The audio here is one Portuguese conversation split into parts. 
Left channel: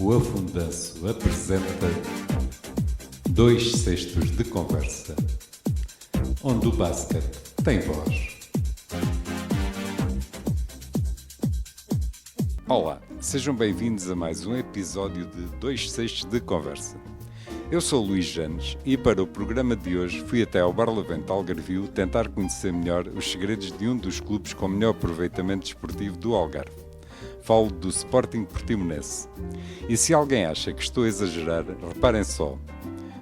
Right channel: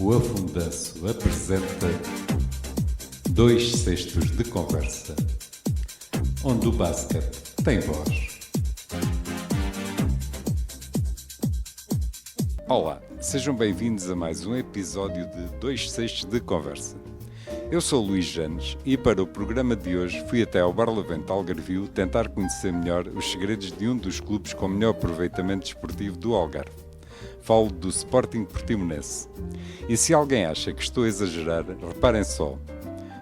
O Afundanço apresenta 2/6 de conversa, onde o basquete tem voz. Olá, sejam bem-vindos a mais um episódio de 2/6 de conversa. Eu sou Luís Janes e para o programa de hoje fui até ao Barlavento Algarvio tentar conhecer melhor os segredos de um dos clubes com melhor aproveitamento desportivo do Algarve. Falo do Sporting Portimonense. E se alguém acha que estou a exagerar, reparem só.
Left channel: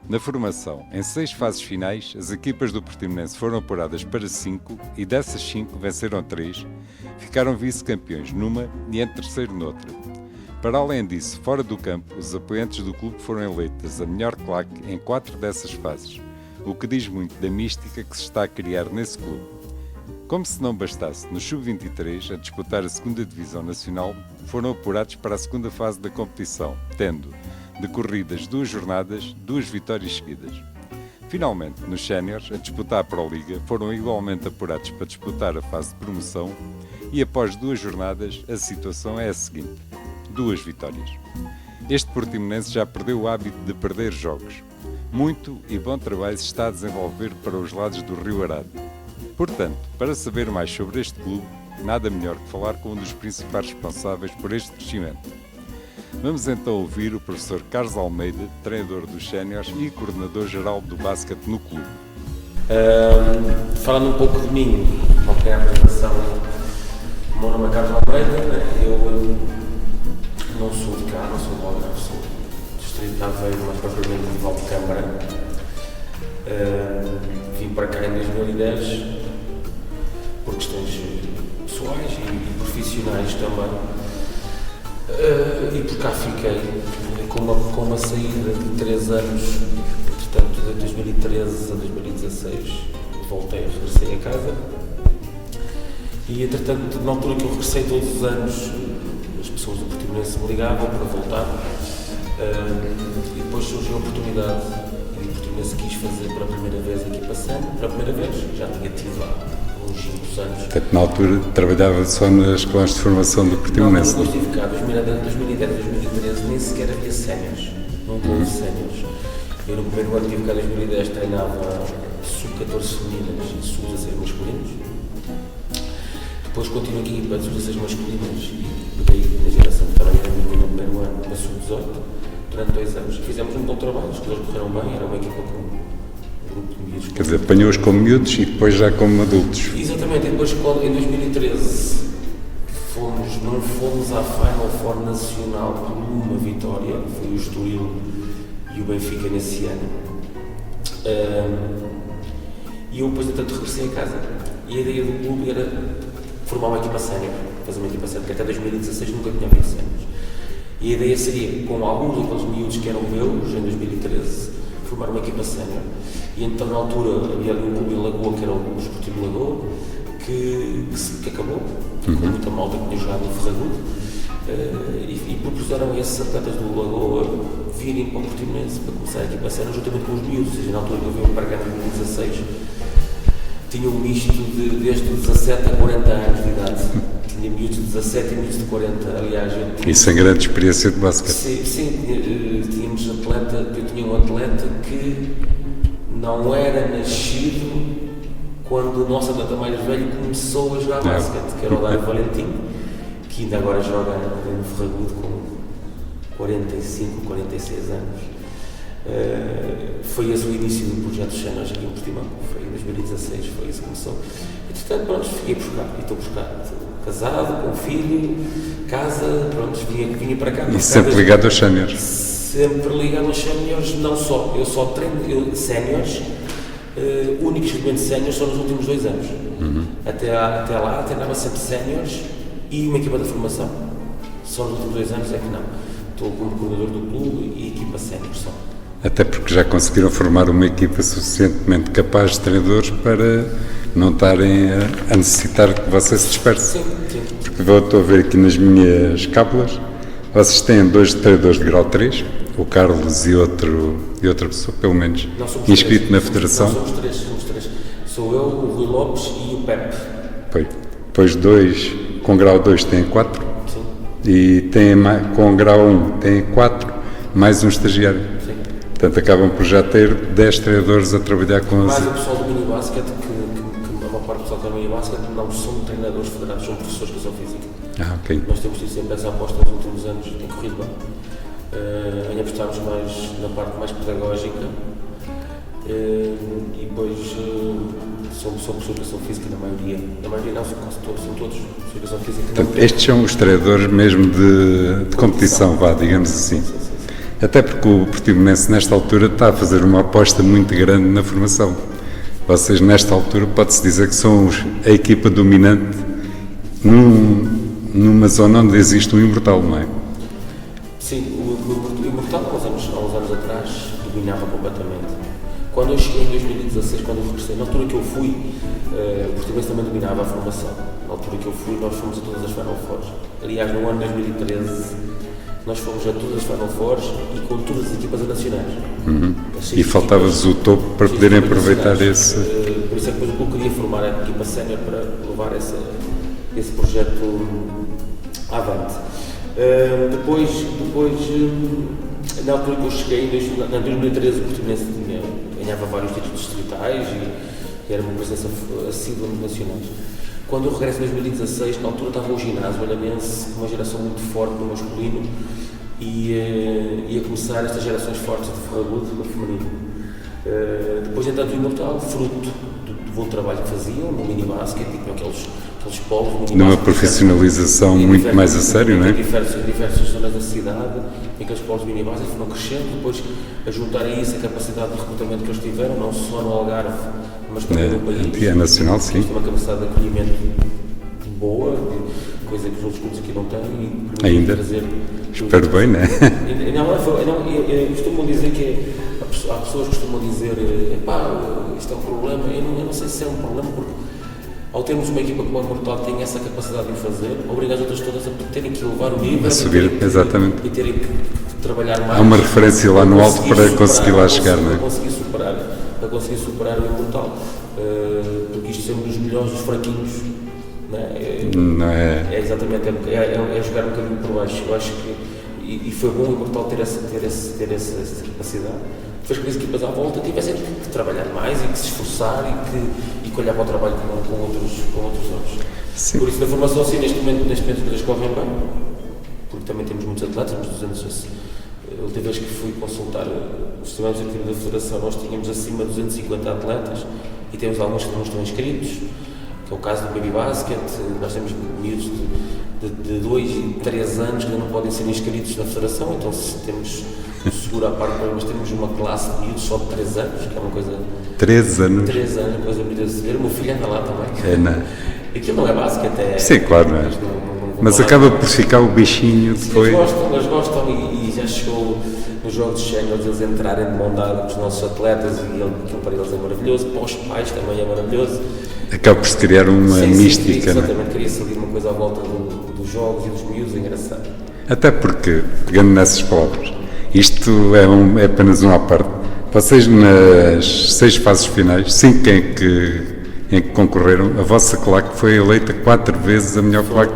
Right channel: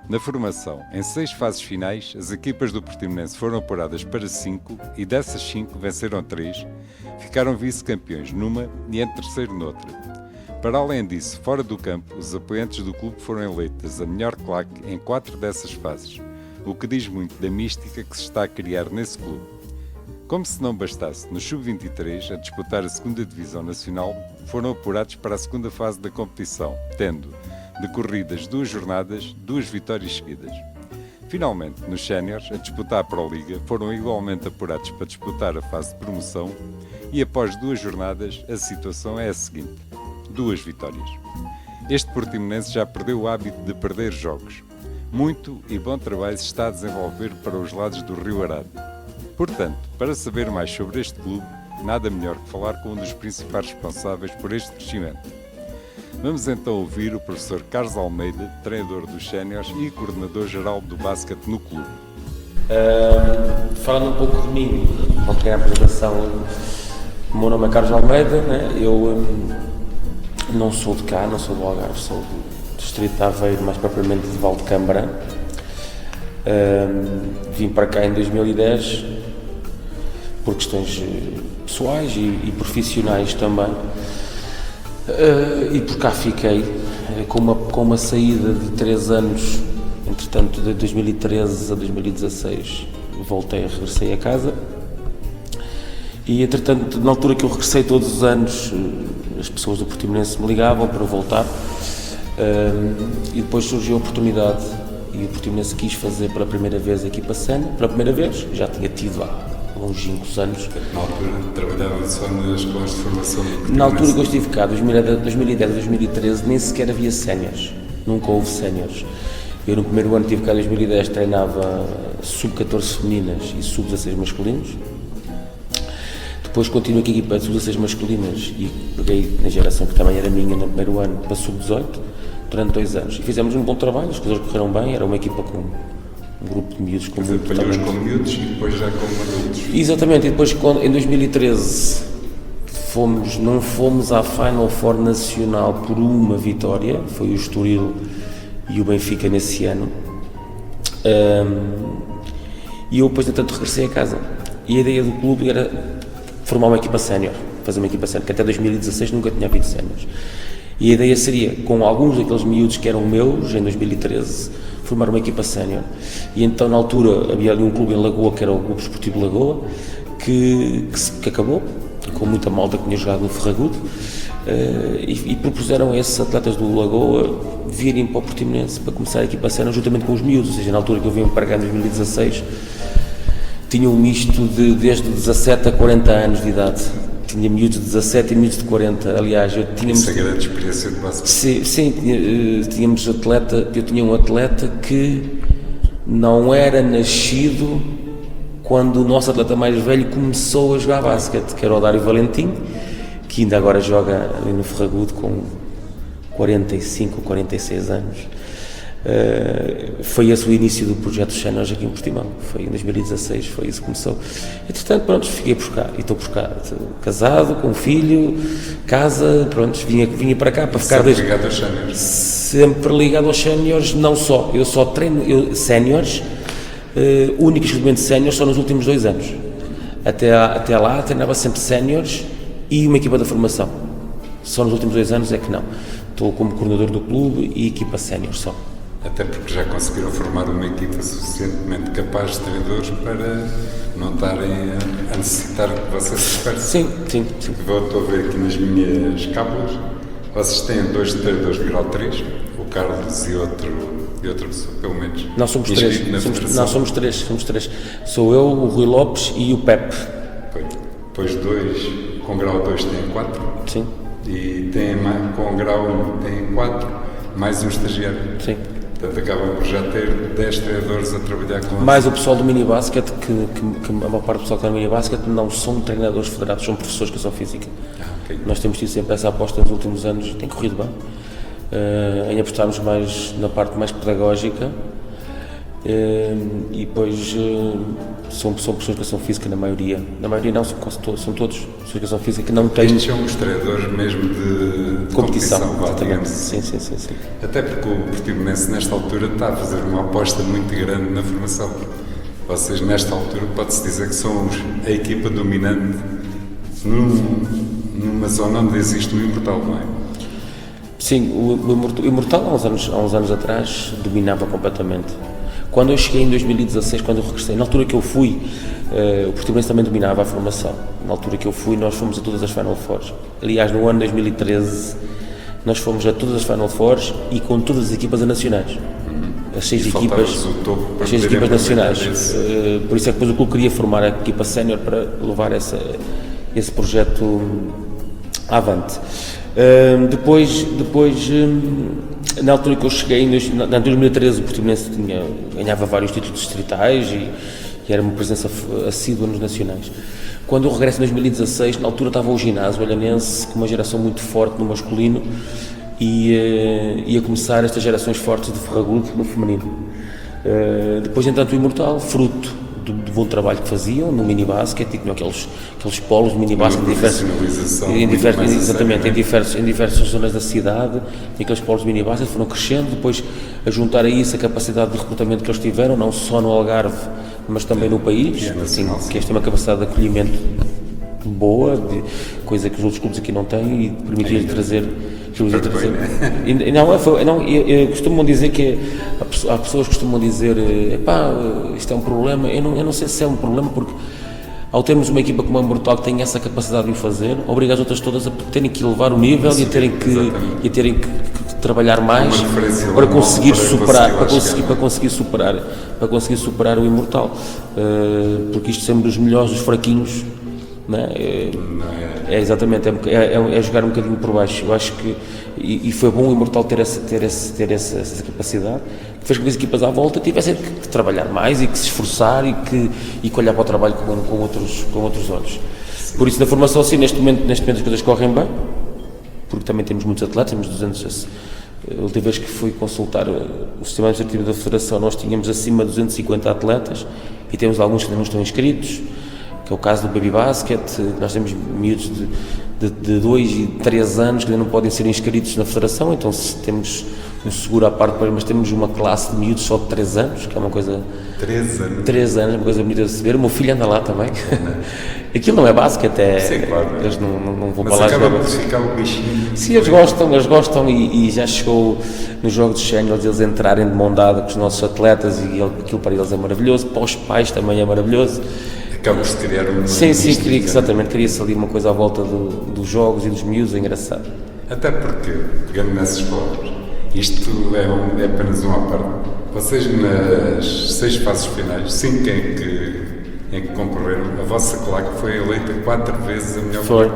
Na formação, em 6 fases finais, as equipas do Portimonense foram apuradas para 5 e dessas 5 venceram 3, ficaram vice-campeões numa e em terceiro noutra. Para além disso, fora do campo, os apoiantes do clube foram eleitas a melhor claque em 4 dessas fases, o que diz muito da mística que se está a criar nesse clube. Como se não bastasse, no Sub-23, a disputar a 2ª Divisão Nacional, foram apurados para a 2ª fase da competição, tendo, decorridas 2 jornadas, 2 vitórias seguidas. Finalmente, nos Séniores, a disputar a Pro-Liga, foram igualmente apurados para disputar a fase de promoção e após 2 jornadas, a situação é a seguinte: 2 vitórias. Este Portimonense já perdeu o hábito de perder jogos. Muito e bom trabalho se está a desenvolver para os lados do Rio Arado. Portanto, para saber mais sobre este clube, nada melhor que falar com um dos principais responsáveis por este crescimento. Vamos então ouvir o professor Carlos Almeida, treinador dos Séniores e coordenador-geral do basquete no clube. Falando um pouco de mim, qualquer apresentação, o meu nome é Carlos Almeida, né? Eu não sou de cá, não sou do Algarve, sou do distrito de Aveiro, mais propriamente de Valdecâmara. Vim para cá em 2010 por questões pessoais e profissionais também, e por cá fiquei com uma saída de 3 anos, entretanto de 2013 a 2016 regressei a casa e entretanto na altura que eu regressei todos os anos as pessoas do Portimonense me ligavam para voltar, e depois surgiu a oportunidade e o Portimonense quis fazer pela primeira vez a equipa sénior, pela primeira vez, já tinha tido há longínquos anos. Portanto, na altura trabalhava só nas escolas de formação do Portimonense. Na altura que eu estive cá, 2010, 2013, nem sequer havia séniores, nunca houve séniores. Eu no primeiro ano que estive cá em 2010 treinava sub-14 femininas e sub-16 masculinos. Depois continuo aqui a equipa de sub-16 masculinas e peguei na geração que também era minha no primeiro ano para sub-18 durante 2 anos. Fizemos um bom trabalho, as coisas correram bem, era uma equipa com um grupo de miúdos. Quer dizer, apanhou-os como miúdos e depois já como adultos. Exatamente, e depois em 2013 não fomos à Final Four Nacional por uma vitória, foi o Estoril e o Benfica nesse ano. E eu depois, entretanto, regressei a casa. E a ideia do clube era formar uma equipa sénior, fazer uma equipa sénior, que até 2016 nunca tinha havido séniores. E a ideia seria, com alguns daqueles miúdos que eram meus, em 2013, formar uma equipa sénior. E então, na altura, havia ali um clube em Lagoa, que era o Clube Esportivo Lagoa, que acabou, com muita malta que tinha jogado no Ferragudo, e propuseram a esses atletas do Lagoa virem para o Portimonense para começar a equipa sénior, juntamente com os miúdos. Ou seja, na altura que eu vim para cá em 2016, tinha um misto desde 17 a 40 anos de idade. Tinha miúdos de 17 e miúdos de 40. Aliás, Isso é grande experiência de basquete. Sim, tínhamos eu tinha um atleta que não era nascido quando o nosso atleta mais velho começou a jogar basquete, que era o Dário Valentim, que ainda agora joga ali no Ferragudo com 45, 46 anos. Foi esse o início do projeto Séniores aqui em Portimão, foi em 2016, foi isso que começou. Entretanto, pronto, fiquei por cá, e estou por cá, casado, com um filho, casa, pronto, vinha para cá. Para sempre ligado aos Séniores? Sempre ligado aos Séniores, não só, eu só treino Séniores, único e exclusivamente Séniores só nos últimos 2 anos. Até lá treinava sempre Séniores e uma equipa da formação, só nos últimos 2 anos é que não. Estou como coordenador do clube e equipa Sénior só. Até porque já conseguiram formar uma equipa suficientemente capaz de treinadores para não estarem a necessitar que vocês se dispersem. Sim. Estou a ver aqui nas minhas cábulas, vocês têm 2 treinadores de grau 3, o Carlos e outra pessoa, pelo menos, inscrito na federação. Não, somos três. Sou eu, o Rui Lopes e o Pepe. Depois 2 com grau 2 têm 4. Sim. E tem, com grau 1, tem 4, mais um estagiário. Sim. Portanto, acabam por já ter 10 treinadores a trabalhar com Mais o pessoal do minibasket, que a maior parte do pessoal que está no minibasket não são treinadores federados, são professores de educação física. Ok. Nós temos tido sempre essa aposta nos últimos anos, tem corrido bem, em apostarmos mais na parte mais pedagógica, e depois são pessoas de educação física na maioria não, são todos de educação física que não têm... Estes são os treinadores mesmo de competição, vá, digamos assim. Sim. Até porque o Portimonense nesta altura está a fazer uma aposta muito grande na formação. Vocês nesta altura pode-se dizer que são a equipa dominante numa zona onde existe um imortal, não é? Sim, o Imortal há uns anos atrás dominava completamente. Quando eu cheguei em 2016, quando eu regressei, na altura que eu fui, o Portimonense também dominava a formação. Na altura que eu fui, nós fomos a todas as Final Fours. Aliás, no ano 2013, nós fomos a todas as Final Fours e com todas as equipas nacionais. E faltava-vos o topo para poderem aproveitar esse... Por isso é que depois o clube queria formar a equipa sénior para levar esse projeto avante. Depois, na altura que eu cheguei, em 2013, o Portimonense ganhava vários títulos distritais e era uma presença assídua nos nacionais. Quando eu regresso em 2016, na altura estava o ginásio olhanense, com uma geração muito forte no masculino, e ia começar estas gerações fortes de Ferragudo no feminino. Depois, entanto, o Imortal, fruto do bom trabalho que faziam no minibasket, e tinham aqueles polos de minibasket. Uma profissionalização muito mais a sério, não é? Em diversas zonas da cidade, e aqueles polos de minibasket foram crescendo, depois a juntar a isso a capacidade de recrutamento que eles tiveram, não só no Algarve, mas também no país. E é nacional, sim. Eles têm uma capacidade de acolhimento boa, coisa que os outros clubes aqui não têm, e permitiu trazer... Espero bem, não é? Costumam dizer que há pessoas que costumam dizer isto é um problema. Eu não sei se é um problema, porque ao termos uma equipa como a Imortal que tem essa capacidade de o fazer, obriga as outras todas a terem que elevar o nível e terem que trabalhar mais. Há uma referência lá no alto para conseguir lá chegar, não é? Para conseguir superar o Imortal, porque isto sempre dos melhores, dos fraquinhos. Não é? É exatamente, é jogar um bocadinho por baixo. Eu acho que, e foi bom o Imortal ter essa capacidade, que fez com que as equipas à volta tivessem que trabalhar mais e que se esforçar e que olhar para o trabalho com outros olhos. Sim. Por isso, na formação, assim, neste momento as coisas correm bem, porque também temos muitos atletas, temos 200. A última vez que fui consultar o sistema administrativo da Federação, nós tínhamos acima de 250 atletas e temos alguns que não estão inscritos, que é o caso do Baby Basket. Nós temos miúdos de 2 e 3 anos que ainda não podem ser inscritos na Federação, então temos um seguro à parte, mas temos uma classe de miúdos só de 3 anos, que é uma coisa... 3 anos? 3 anos, uma coisa bonita de se ver. O meu filho anda lá também. Aquilo não é basquete, é... Sim, claro, não é? Não mas acaba por ficar o bichinho. Sim, eles gostam e já chegou nos jogos de séniores eles entrarem de mão dada com os nossos atletas, e aquilo para eles é maravilhoso, para os pais também é maravilhoso. Acaba por se criar uma mística. Sim, exatamente, cria-se ali uma coisa à volta dos jogos e dos miúdos, é engraçado. Até porque, pegando nessas palavras, isto é apenas uma parte. Vocês nas 6 fases finais, 5 em que concorreram, a vossa claque foi eleita 4 vezes a melhor claque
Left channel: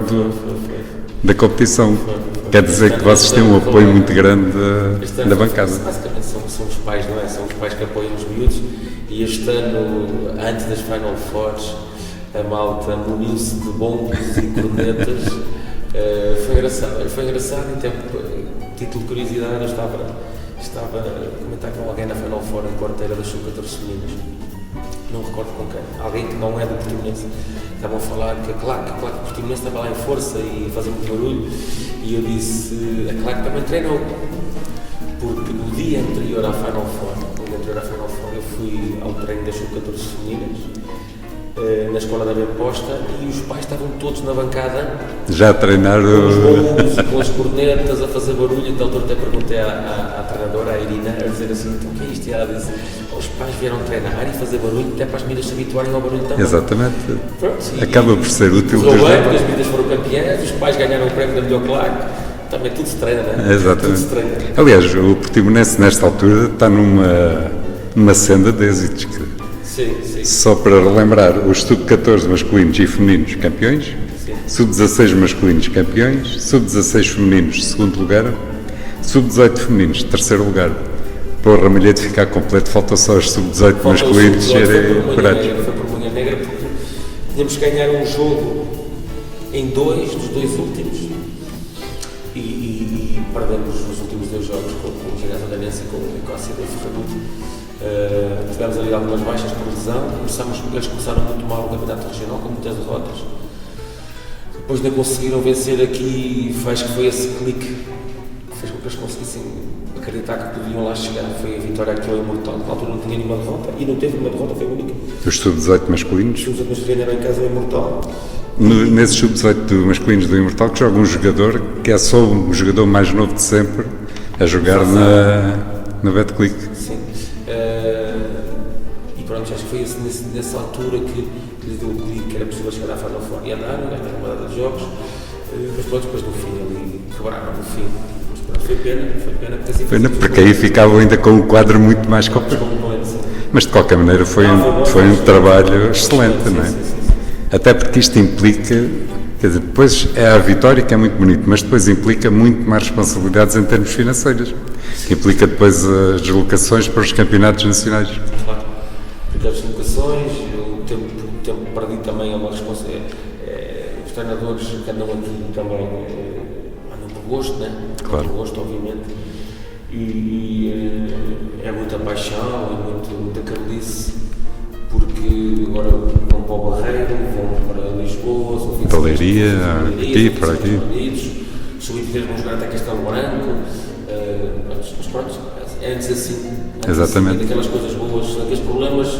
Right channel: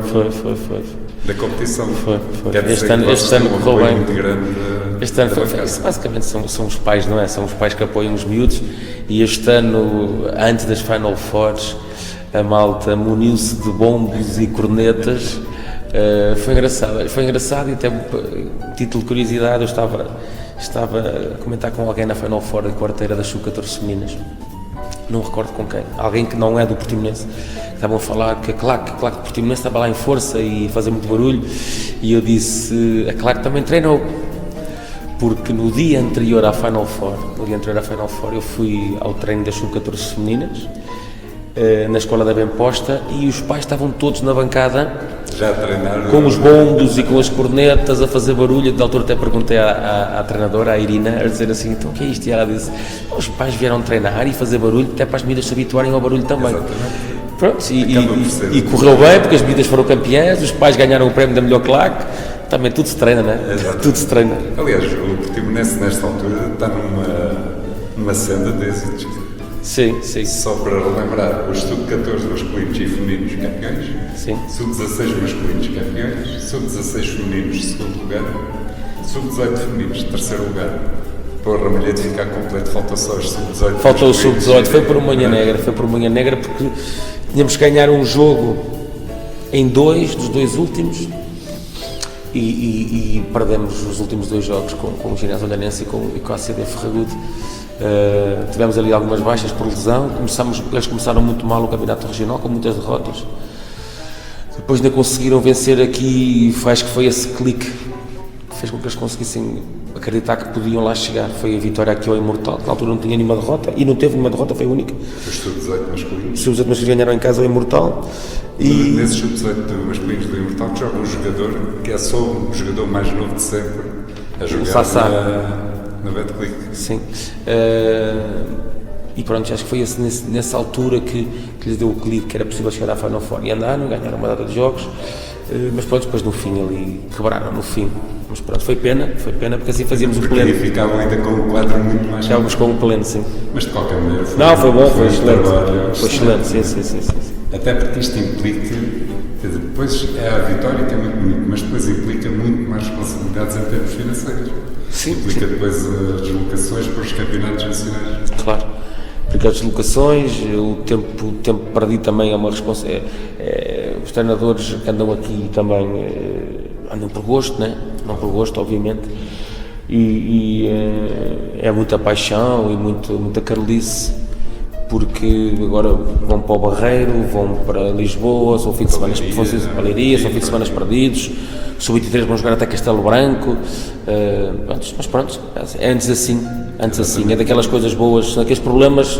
da competição. Foi. Quer dizer que vocês têm um apoio muito grande da bancada. Basicamente são os pais, não é? São os pais que apoiam os miúdos, e este ano, antes das Final Fours, a malta muniu-se de bombos e cornetas. Foi engraçado, e até título de curiosidade, eu estava a comentar com alguém na Final Four em quarteira das sub-14 femininas, não recordo com quem, alguém que não é do Portimonense. Estavam a falar que a claque Portimonense estava lá em força e a fazer muito barulho, e eu disse, a claque também treinou, porque no dia anterior à Final Four, eu fui ao treino das sub-14 femininas, na escola da Bemposta, e os pais estavam todos na bancada já a treinar com os bombos e com as cornetas a fazer barulho. Da altura até perguntei à treinadora, à Irina, a dizer assim, então o que é isto? E ela disse, os pais vieram treinar e fazer barulho até para as meninas se habituarem ao barulho também. Exatamente. Pronto, acaba por ser e correu bem, porque as meninas foram campeãs, os pais ganharam o prémio da melhor claque. Também tudo se treina, não é? Exatamente. Tudo se treina. Aliás, o Portimonense nesta altura está numa senda de êxitos. Sim. Só para relembrar, os sub-14 masculinos e femininos campeões, Sim. Sub-16 masculinos campeões, sub-16 femininos segundo lugar, sub-18 femininos terceiro lugar. Porra, malhei de ficar completo, falta só os sub-18 Falta o masculinos. sub-18, foi por manhã negra porque tínhamos que ganhar um jogo em dos dois últimos e perdemos os últimos dois jogos com o Ginásio Olhanense e com a CD Ferragudo. Tivemos ali algumas baixas por lesão, eles começaram muito mal o campeonato regional com muitas derrotas, depois ainda conseguiram vencer aqui, acho que foi esse clique que fez com que eles conseguissem acreditar que podiam lá chegar. Foi a vitória aqui ao Imortal, que na altura não tinha nenhuma derrota e não teve nenhuma derrota, foi a única. Os sub-18 masculinos? Os sub-18 masculinos ganharam em casa ao Imortal. Nesses sub-18 masculinos do Imortal que joga um jogador que é só o jogador mais novo de sempre a jogar na Betclic. Sim. E pronto, acho que foi nessa altura que lhes deu o clique que era possível chegar à Final Four. E andaram, ganharam uma data de jogos, mas pronto, depois no fim ali, quebraram no fim. Mas pronto, foi pena porque assim fazíamos porque aí ficavam ainda com um quadro muito mais completo. Com um pleno, sim. Mas de qualquer maneira foi um trabalho excelente. Sim, sim, sim, sim. Até porque isto implica, quer dizer, depois é a vitória que é muito bonito, mas depois implica muito mais responsabilidades em termos financeiros. Sim, implica depois as deslocações para os campeonatos nacionais. Claro, porque as deslocações, o tempo perdido também é uma responsabilidade. Os treinadores que andam aqui também andam por gosto, né? Claro. Por gosto, obviamente. E é muita paixão e muita carolice, porque agora vão para o Barreiro, vão para Lisboa, são fim de semana perdidos, sub-23 vão jogar até Castelo Branco, mas pronto, é antes assim, é daquelas coisas boas, daqueles problemas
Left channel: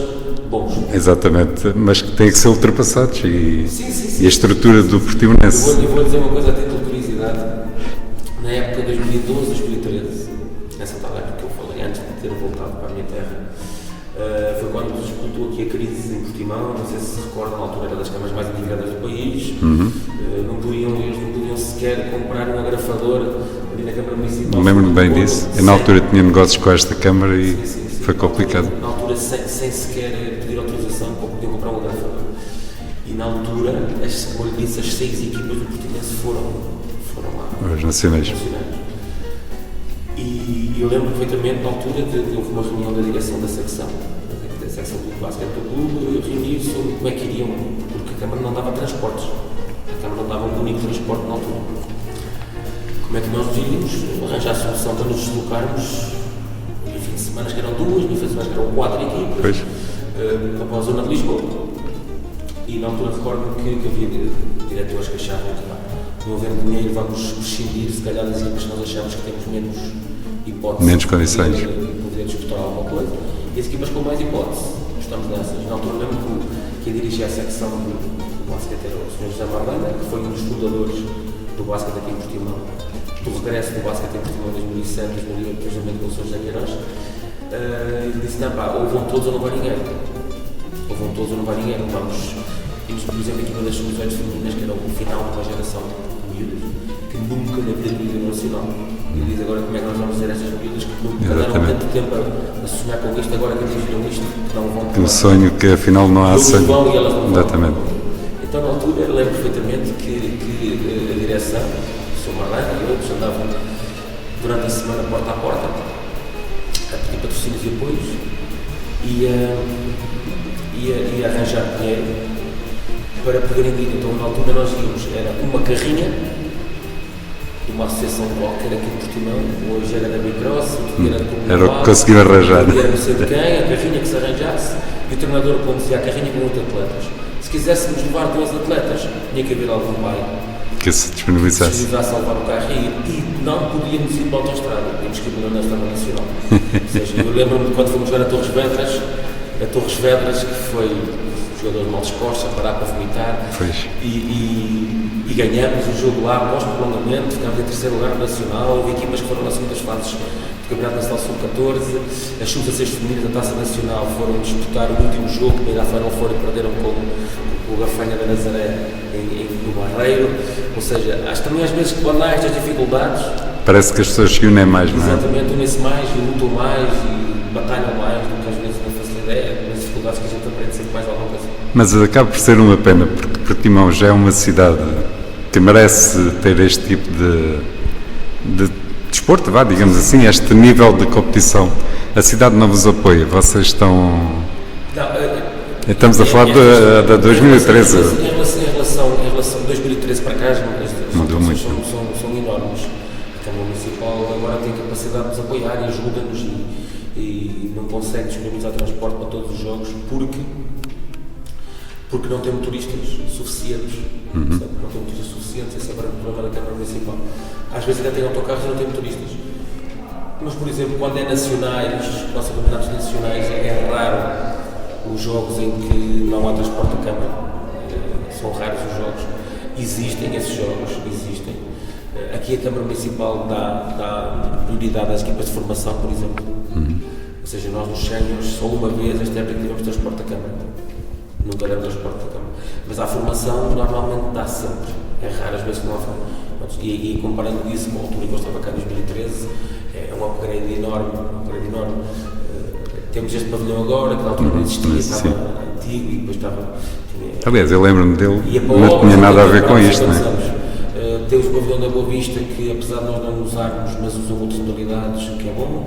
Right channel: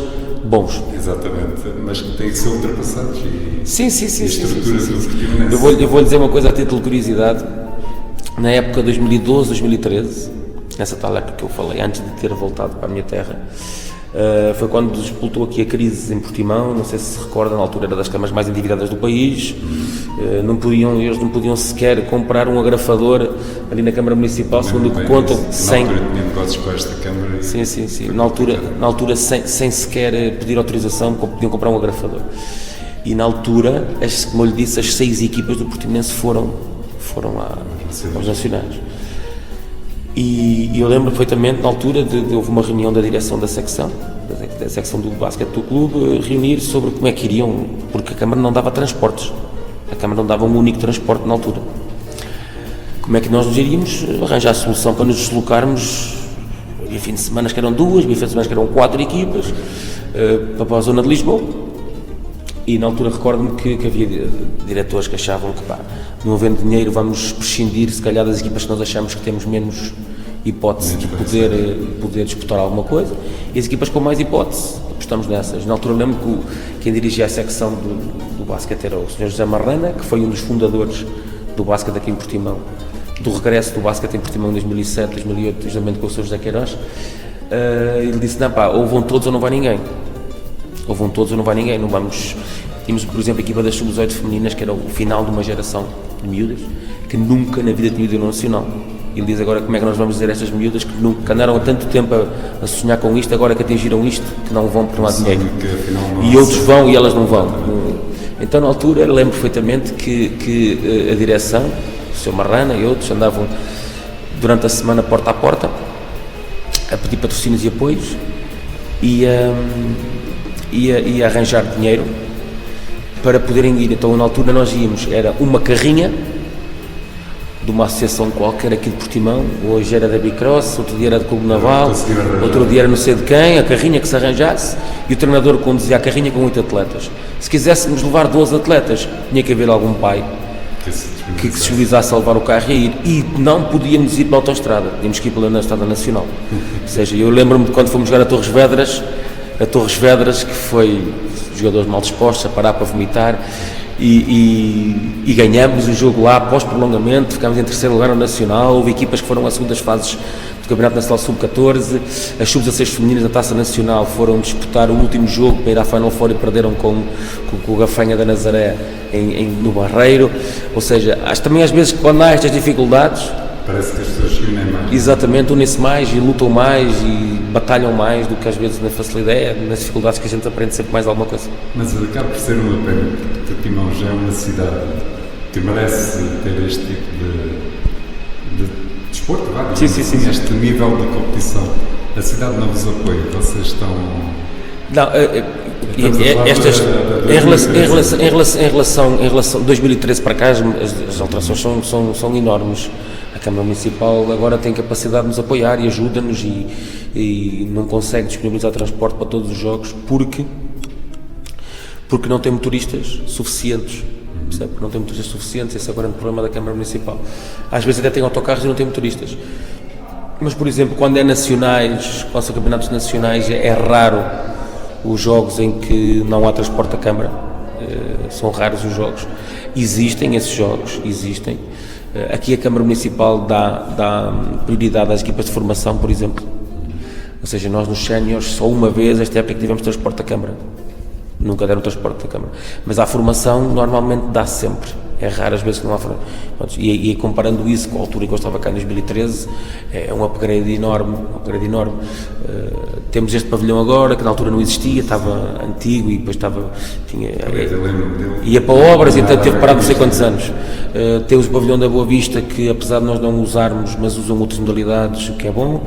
bons. Exatamente, mas que têm que ser ultrapassados e, sim, e a estrutura do Portimonense. Eu vou dizer uma coisa a título de curiosidade, na época 2012, 2013, nessa tal época que eu falei, antes de ter voltado para a minha terra, foi quando disputou aqui a crise em Portimão, não sei se recorda, na altura era das câmaras mais endividadas do país, eles não podiam sequer comprar um agrafador ali na Câmara Municipal. Lembro-me bem disso, na altura tinha negócios com esta Câmara e foi complicado. Na altura sem sequer pedir autorização, podiam comprar um agrafador. E na altura, como eu lhe disse, as 6 equipas do Portimonense foram lá aos nacionais. E eu lembro perfeitamente, na altura, houve uma reunião da direção da secção do basquete do clube, reunir sobre como é que iriam, porque a Câmara não dava transportes, a Câmara não dava um único transporte na altura. Como é que nós nos iríamos arranjar a solução para nos deslocarmos, havia fim de semana que eram 2, havia fim de semana que eram 4 equipas, para a zona de Lisboa. E na altura recordo-me que havia diretores que achavam que não havendo dinheiro vamos prescindir se calhar das equipas que nós achamos que temos menos hipótese de poder disputar alguma coisa, e as equipas com mais hipótese, apostamos nessas. Na altura lembro que quem dirigia a secção do basquete era o Sr. José Marrana, que foi um dos fundadores do basquete aqui em Portimão, do regresso do basquete em Portimão em 2007, 2008, justamente com o Sr. José Queiroz. Ele disse, ou vão todos ou não vai ninguém. Ou vão todos ou não vai ninguém, não vamos... Tínhamos, por exemplo, a equipa das sub-18 femininas, que era o final de uma geração de miúdas, que nunca na vida tinha ido ao Nacional. Ele diz agora como é que nós vamos dizer a estas miúdas que andaram tanto tempo a sonhar com isto, agora que atingiram isto, que não vão por lá. Um sonho que afinal não há. E outros vão e elas não vão. Exatamente. Então na altura lembro perfeitamente que a direção, o Sr. Marrana e outros andavam durante a semana porta a porta a pedir patrocínios e apoios e a arranjar dinheiro para poderem ir. Então na altura nós íamos, era uma carrinha de uma associação qualquer aqui de Portimão, hoje era da Bicross, outro dia era de Clube Naval, outro dia era não sei de quem, a carrinha que se arranjasse, e o treinador conduzia a carrinha com 8 atletas. Se quiséssemos levar 12 atletas, tinha que haver algum pai que se disponibilizasse a levar o carro e ir, e não podíamos ir pela autoestrada, tínhamos que ir pela Estrada Nacional. Ou seja, eu lembro-me de quando fomos jogar a Torres Vedras, que foi jogadores mal dispostos a parar para vomitar, e ganhamos o jogo lá após prolongamento, ficámos em terceiro lugar no Nacional. Houve equipas que foram às segundas fases do Campeonato Nacional Sub-14, as sub-16 femininas da Taça Nacional foram disputar o último jogo para ir à Final Four e perderam com o Gafanha da Nazaré no Barreiro. Ou seja, acho também às vezes que quando há estas dificuldades parece que as pessoas se unem mais. Exatamente, unem-se mais e lutam mais batalham mais do que às vezes na facilidade, nas dificuldades que a gente aprende sempre mais alguma coisa. Mas acaba por ser uma pena, porque Portimão já é uma cidade que merece ter este tipo de desporto, digamos assim, este nível de competição. A cidade não vos apoia, vocês estão... Não, estamos a falar da 2013. Em relação a 2013 para cá, as alterações são enormes. A Câmara Municipal agora tem capacidade de nos apoiar e ajuda-nos e não consegue disponibilizar transporte para todos os jogos porque não tem motoristas suficientes. Porque não tem motoristas suficientes, esse é agora o problema da Câmara Municipal. Às vezes até tem autocarros e não tem motoristas. Mas, por exemplo, quando é nacionais, quando são campeonatos nacionais, é raro os jogos em que não há transporte da Câmara. São raros os jogos. Existem esses jogos, existem. Aqui a Câmara Municipal dá prioridade às equipas de formação, por exemplo. Ou seja, nós nos séniores, só uma vez, esta época que tivemos transporte da Câmara. Nunca deram transporte da Câmara. Mas a formação normalmente dá sempre. É raro as vezes que não há formação. E comparando isso com a altura em que eu estava cá em 2013, é um upgrade enorme. Temos este pavilhão agora, que na altura não existia, estava antigo e depois tinha... Aliás, eu lembro-me dele... Ia para obras e portanto teve parado não sei quantos anos. Temos o pavilhão da Boa Vista, que apesar de nós não usarmos, mas usam outras modalidades, o que é bom.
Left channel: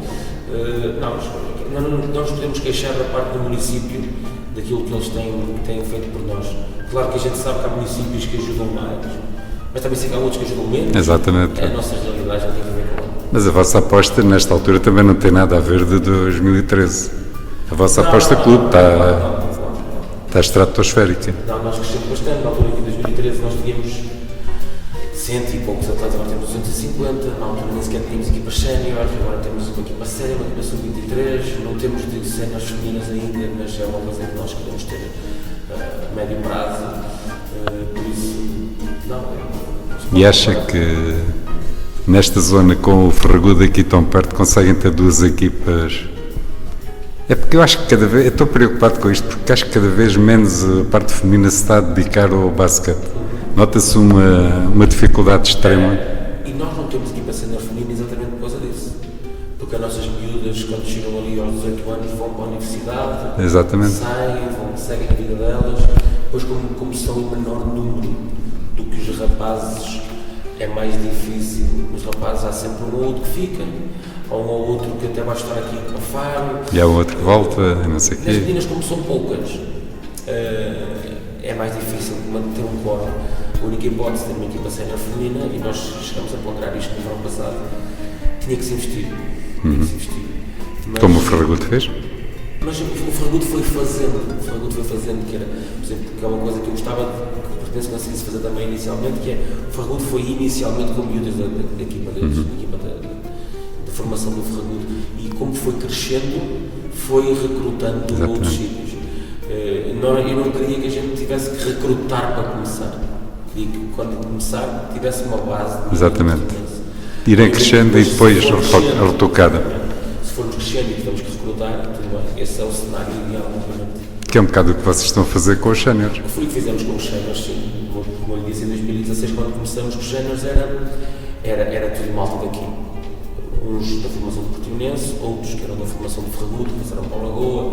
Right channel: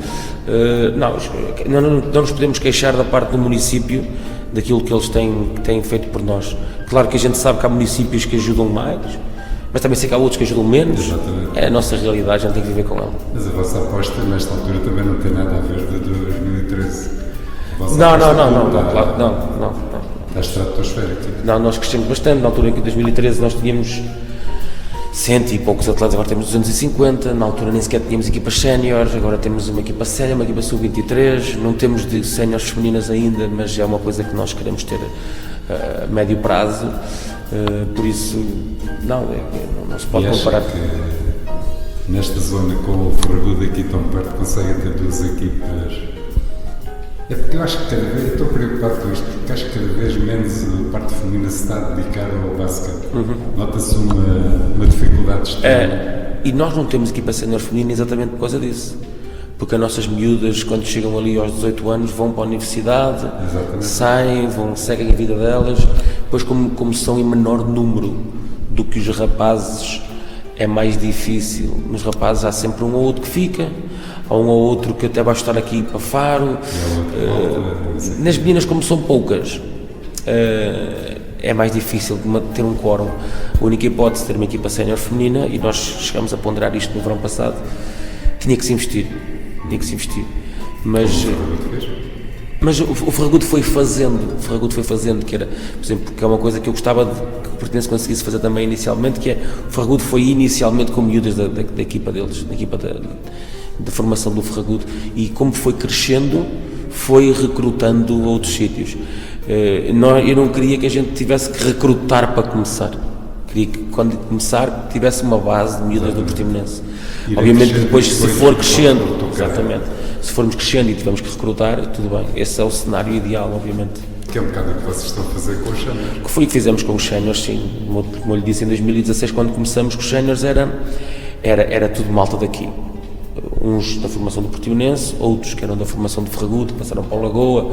Não nos podemos queixar da parte do município, daquilo que eles têm feito por nós. Claro que a gente sabe que há municípios que ajudam mais, mas também sei que há outros que ajudam menos. Exatamente. É a nossa realidade, a gente tem que viver com ela. Mas a vossa aposta, nesta altura, também não tem nada a ver de 2013. A vossa aposta clube está estratosférica. Não, nós crescemos bastante. Na altura em 2013 nós tínhamos 100 e poucos atletas, agora temos 250. Na altura nem sequer tínhamos equipas séniores, agora temos uma equipa séria, uma equipa sub-23. Não temos de séniores femininas ainda, mas é uma coisa que nós queremos ter a médio prazo. Por isso, não se pode E acha comparar. que nesta zona, com o Ferragudo aqui tão perto, conseguem ter duas equipas? É porque eu acho que cada vez, eu estou preocupado com isto, porque acho que cada vez menos a parte feminina se está a dedicar ao basquete. Nota-se uma dificuldade extrema. E nós não temos equipa sénior feminina exatamente por causa disso. Porque as nossas miúdas, quando chegam ali aos 18 anos, vão para a universidade, Exatamente. saem, seguem a vida delas. Depois, como são em menor número do que os rapazes, é mais difícil. Nos rapazes há sempre um ou outro que fica, há um ou outro que até vai estar aqui para Faro. E há outro que volta, não sei o quê. Nas meninas, como são poucas, é mais difícil ter um quórum. A única hipótese de ter uma equipa sénior feminina, e nós chegamos a ponderar isto no verão passado, tinha que se investir. Mas, Como o Ferragudo fez? mas o Ferragudo foi fazendo, que era, por exemplo, que é uma coisa que eu gostava que o Portimonense conseguisse fazer também inicialmente, que é, o Ferragudo foi inicialmente com miúdas da equipa deles, da equipa da formação do Ferragudo, e como foi crescendo, foi recrutando outros sítios. Eu não queria que a gente tivesse que recrutar para começar, queria que quando começar tivesse uma base de miúdas do Portimonense. Irem crescendo e depois retocada. Se formos crescendo e tivermos que recrutar, tudo bem. Esse é o cenário ideal, obviamente. Que é um bocado o que vocês estão a fazer com os séniores. Que foi o que fizemos com os séniores, sim. Como eu lhe disse, em 2016, quando começamos com os séniores, era tudo malta daqui. Uns da formação do Portimonense, outros que eram da formação do Ferragudo, que passaram para o Lagoa,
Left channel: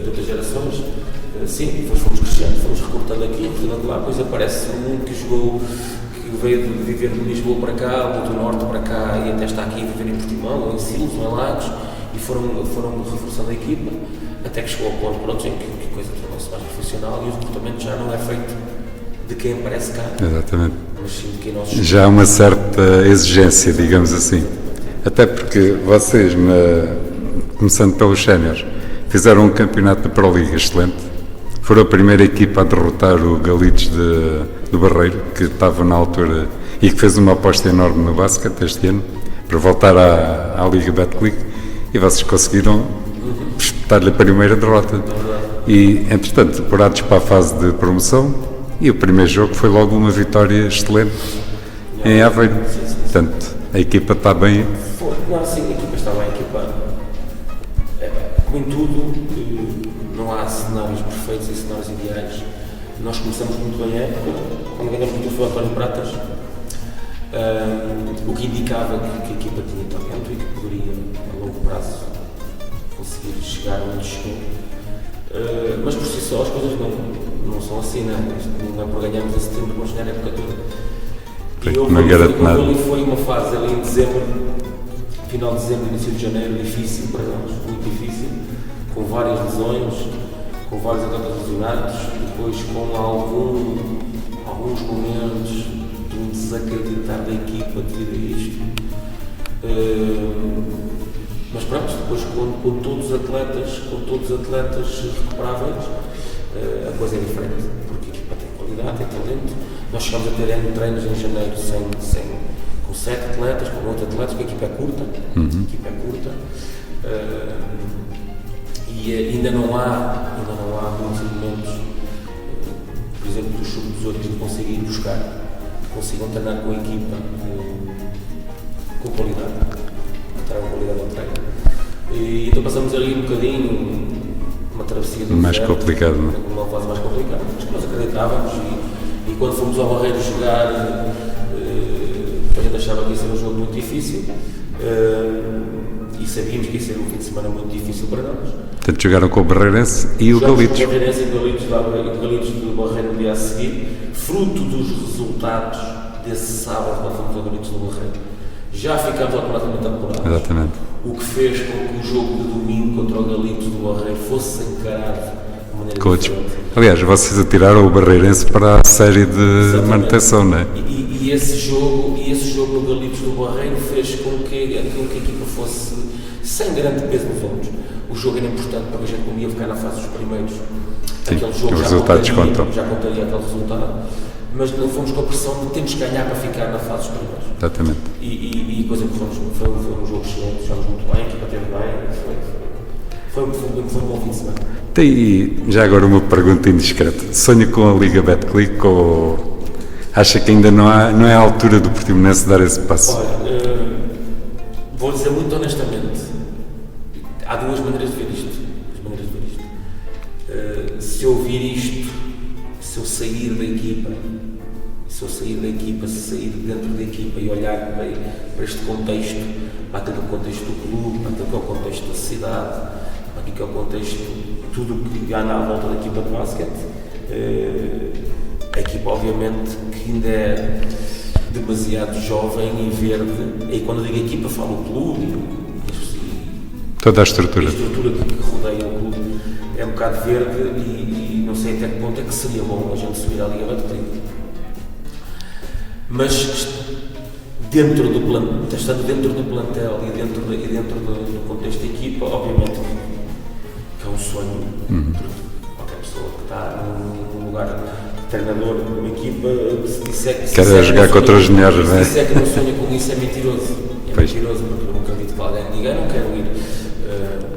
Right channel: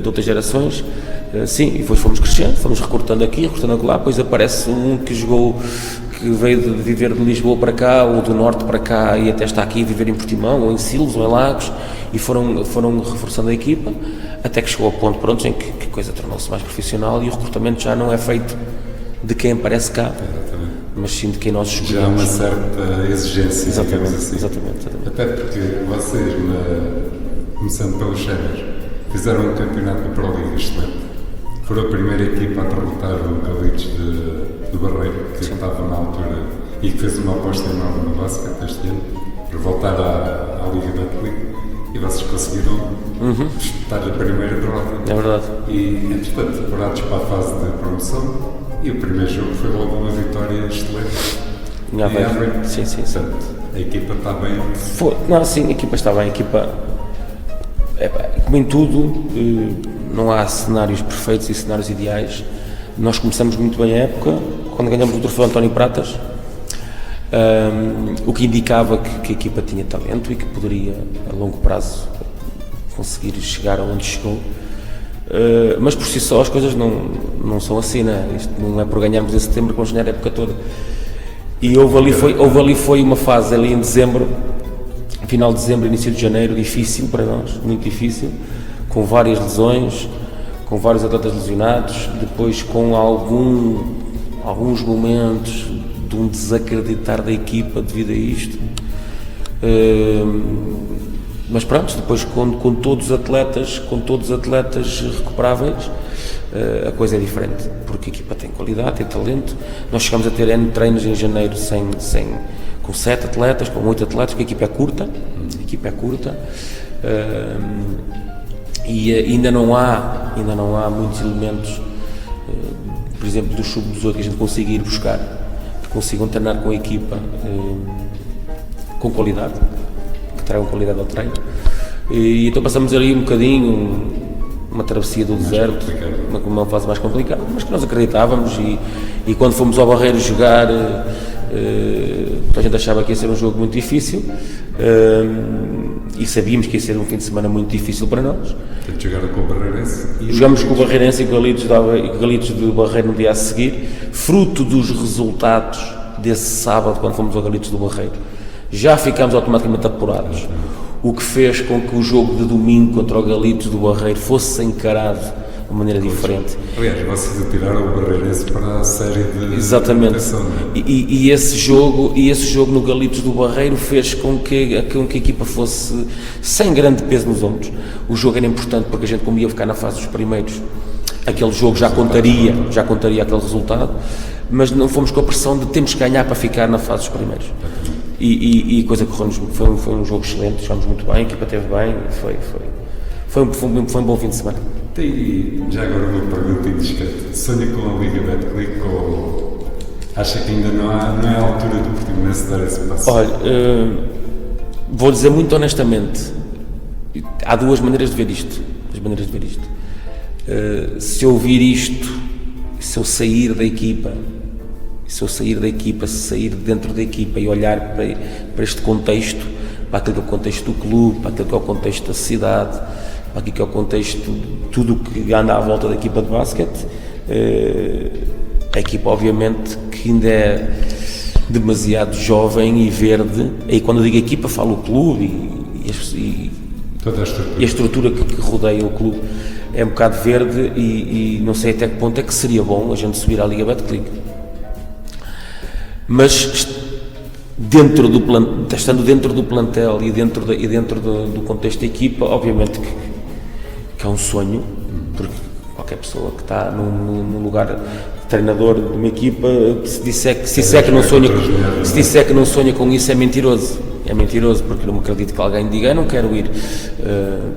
de outras gerações. Sim, e depois fomos crescendo, fomos recrutando aqui, recrutando lá, depois aparece um que veio de viver de Lisboa para cá, ou do Norte para cá, e até está aqui a viver em Portimão, ou em Silos, ou em Lagos, e foram reforçando a equipa, até que chegou ao ponto, pronto, em que a coisa tornou-se mais profissional e o recrutamento já não é feito de quem aparece cá, Exatamente. mas sim de quem nós escolhemos. Já há uma certa exigência, digamos assim. Exatamente. Até porque vocês, começando pelos séniores, fizeram um campeonato de Pro Liga excelente. Foram a primeira equipa a derrotar o Galitos do Barreiro, que estava na altura e que fez uma aposta enorme no basquete este ano, para voltar à Liga Betclic, e vocês conseguiram espetar-lhe a primeira derrota. É verdade. E, entretanto, apurados para a fase de promoção, e o primeiro jogo foi logo uma vitória excelente em Aveiro. Sim. Portanto, a equipa está bem. Sim, a equipa está bem, como em tudo, não há cenários perfeitos e cenários ideais. Nós começamos muito bem a época, quando ganhamos o troféu António Pratas, o que indicava que a equipa tinha talento e que poderia, a longo prazo, conseguir chegar onde chegou. Mas por si só as coisas não são assim, né? Isto não é por ganharmos em setembro que vamos ganhar a época toda. E houve ali foi uma fase ali em dezembro, final de dezembro, início de janeiro, difícil para nós, muito difícil, com várias lesões, com vários atletas lesionados, e depois com alguns momentos de um desacreditar da equipa devido a isto. Mas pronto, depois com todos os atletas recuperáveis, a coisa é diferente, porque a equipa tem qualidade, tem talento. Nós chegamos a ter N treinos em janeiro com 7 atletas, com 8 atletas, porque a equipa é curta, e ainda não há muitos elementos, por exemplo, do sub-18 que a gente consiga ir buscar, que consigam treinar com a equipa com qualidade, que tragam qualidade ao treino. E então passamos ali um bocadinho uma travessia do deserto, uma fase mais complicada, mas que nós acreditávamos, e quando fomos ao Barreiro jogar, a gente achava que ia ser um jogo muito difícil, e sabíamos que ia ser um fim de semana muito difícil para nós. Portanto, jogaram com o Barreirense e o Galitos. Jogamos com o Barreirense e o Galitos do Barreiro no dia a seguir, fruto dos resultados desse sábado, quando fomos ao Galitos do Barreiro. Já ficámos automaticamente apurados. Exatamente. O que fez com que o jogo de domingo contra o Galitos do Barreiro fosse encarado de maneira diferente. Aliás, vocês atiraram o Barreirense para a série de manutenção, não é? E esse jogo no Galitos do Barreiro fez com que a equipa fosse sem grande peso nos ombros. O jogo era importante porque a gente, como ia ficar na fase dos primeiros, aquele jogo já contaria aquele resultado, mas não fomos com a pressão de temos que ganhar para ficar na fase dos primeiros. Exatamente. E coisa que correu-nos, foi um jogo excelente, jogamos muito bem, a equipa esteve bem, foi um bom fim de semana. Tem já agora uma pergunta indiscreta. Sonha com a Liga Betclic ou acha que ainda não é a altura do Portimonense dar esse passo? Olha, vou dizer muito honestamente, há duas maneiras de ver isto. Se eu ouvir isto, se eu sair da equipa, se sair dentro da equipa e olhar para este contexto, para aquele que é o contexto do clube, para aquele que é o contexto da cidade, para aquilo que é o contexto de tudo o que anda à volta da equipa de basquete, a equipa obviamente que ainda é demasiado jovem e verde, e quando eu digo equipa falo o clube e toda a estrutura. E a estrutura que rodeia o clube é um bocado verde e não sei até que ponto é que seria bom a gente subir à Liga Betclic. Mas estando dentro do plantel e dentro do contexto da equipa, obviamente que é um sonho, porque qualquer pessoa que está num lugar de treinador de uma equipa, se disser que não sonha com isso, é mentiroso. É mentiroso, porque não acredito que alguém diga, não quero ir.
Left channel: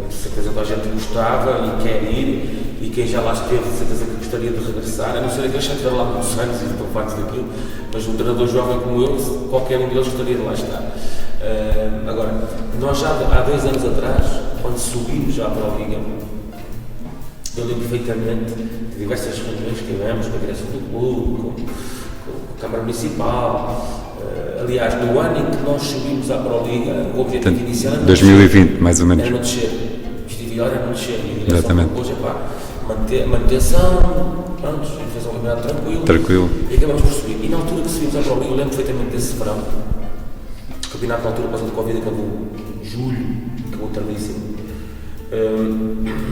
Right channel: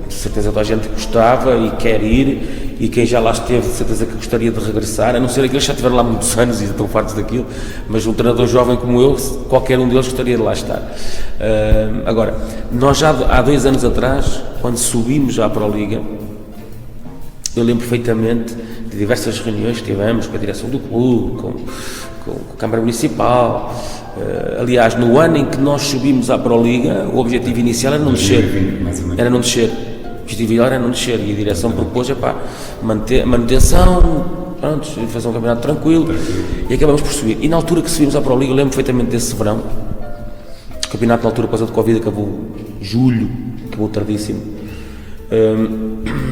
De certeza toda a gente gostava e quer ir, e quem já lá esteve, de certeza que gostaria de regressar, a não ser aqueles que já estiveram lá muitos anos e estão fartos daquilo, mas um treinador jovem como eu, qualquer um deles gostaria de lá estar. Agora, nós já há 2 anos atrás, quando subimos já para a Liga, eu lembro perfeitamente de diversas reuniões que tivemos com a direção do clube, com a Câmara Municipal. Aliás, no ano em que nós subimos à Pro Liga, o objetivo inicial era não 2020, descer. mais ou menos. Era não descer. O objetivo inicial era não descer. E a direção propôs manutenção, pronto, fazer um campeonato tranquilo. E acabamos por subir. E na altura que subimos à Pro Liga, eu lembro perfeitamente desse verão. O campeonato na altura passou de Covid, acabou em julho, acabou tardíssimo.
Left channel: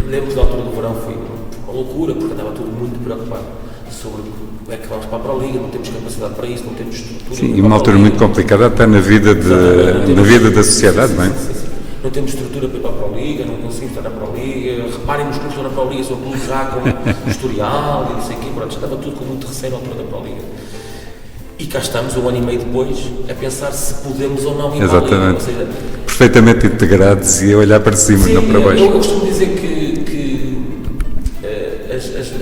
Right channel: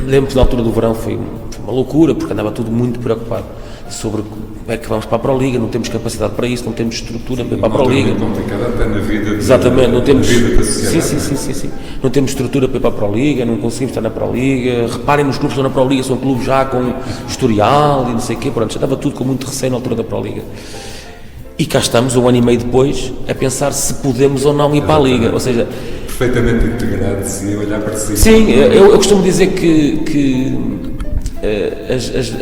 Lembro que na altura do verão foi uma loucura, porque andava tudo muito preocupado sobre como é que vamos para a Pro Liga, não temos capacidade para isso, não temos estrutura para a Pro Liga. Uma altura muito complicada até na vida da sociedade, não é? Sim. Não temos estrutura para ir para a Pro Liga, não conseguimos estar na Pro Liga, reparem nos clubes que estão na Pro Liga, são clubes já com historial e não sei o quê, pronto, já estava tudo com muito receio na altura da Pro Liga. E cá estamos, 1 ano e meio depois, a pensar se podemos ou não ir para a Liga, ou seja... Perfeitamente integrados e a olhar para cima. Sim, eu costumo dizer que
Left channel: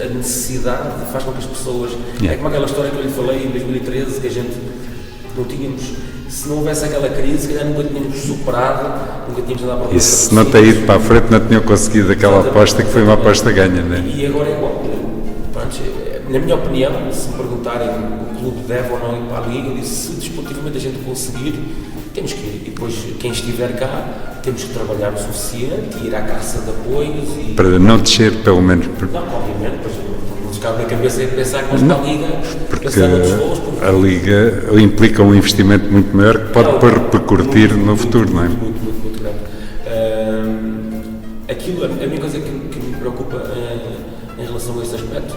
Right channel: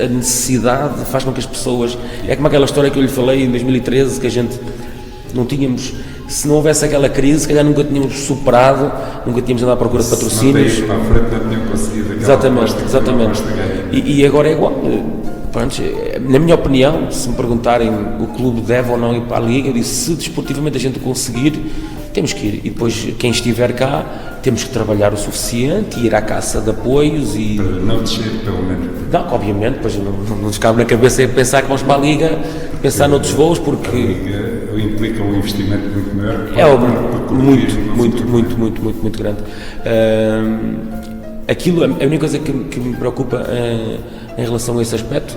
a necessidade faz com que as pessoas... É como aquela história que eu lhe falei em 2013, que a gente não tínhamos... Se não houvesse aquela crise, se calhar nunca tínhamos superado, nunca tínhamos andado à procura de patrocínios. Se não ter ido para a frente, não tinham conseguido aquela aposta que foi uma aposta ganha. Não é? E agora é igual. Pronto, na minha opinião, se me perguntarem o clube deve ou não ir para a Liga, eu disse, se desportivamente a gente conseguir temos que ir. E depois, quem estiver cá, temos que trabalhar o suficiente e ir à caça de apoios e... Para não descer, pelo menos. Não, obviamente, pois não nos cabe na cabeça pensar que vamos para a Liga, pensar noutros voos, porque... A Liga implica um investimento muito maior que pode repercutir no futuro, não é? Muito grande. A única coisa que me preocupa em relação a esse aspecto,